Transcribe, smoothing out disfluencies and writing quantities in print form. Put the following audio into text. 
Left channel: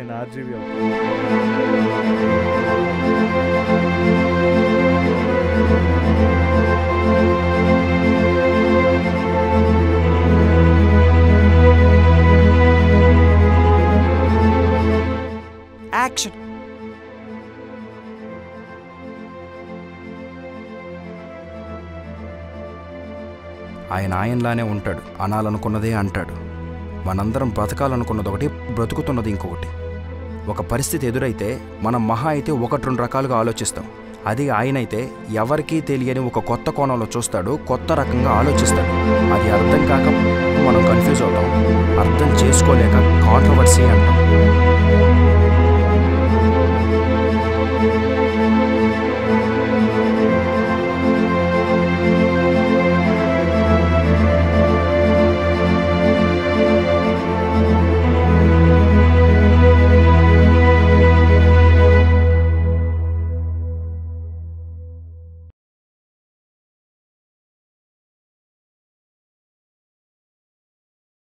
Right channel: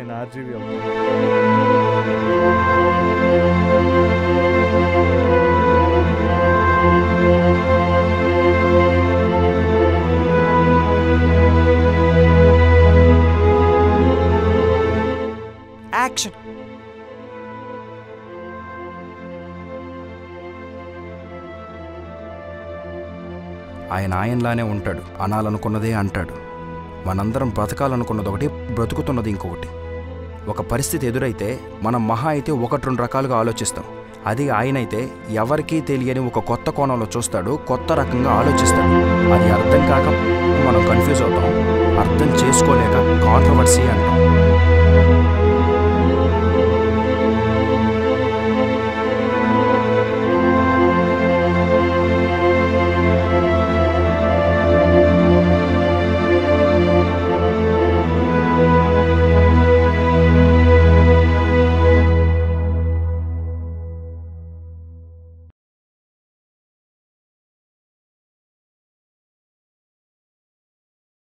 నేను ఆర్జీవి అవుతాను. యాక్షన్. ఆయనలానే ఉంటాడు, అనాలనుకున్నదే అంటాడు. మనందరం బ్రతకాలనుకున్నది ఒకటి, బ్రతుకుతున్నది ఇంకొకటి. ఒక పరిస్థితి ఎదురైతే మనం మహా అయితే 1-2 రకాలుగా ఆలోచిస్తాం. అది ఆయనైతే ఎవరికీ తెలియని ఒక కొత్త కోణంలో చూస్తాడు, కొత్త రకంగా ఆలోచిస్తాడు. అది అర్థం కాక మనం కన్ఫ్యూజ్ అవుతాం, అర్థం చేసుకోలేక కాంట్రవర్సీ అంటాం.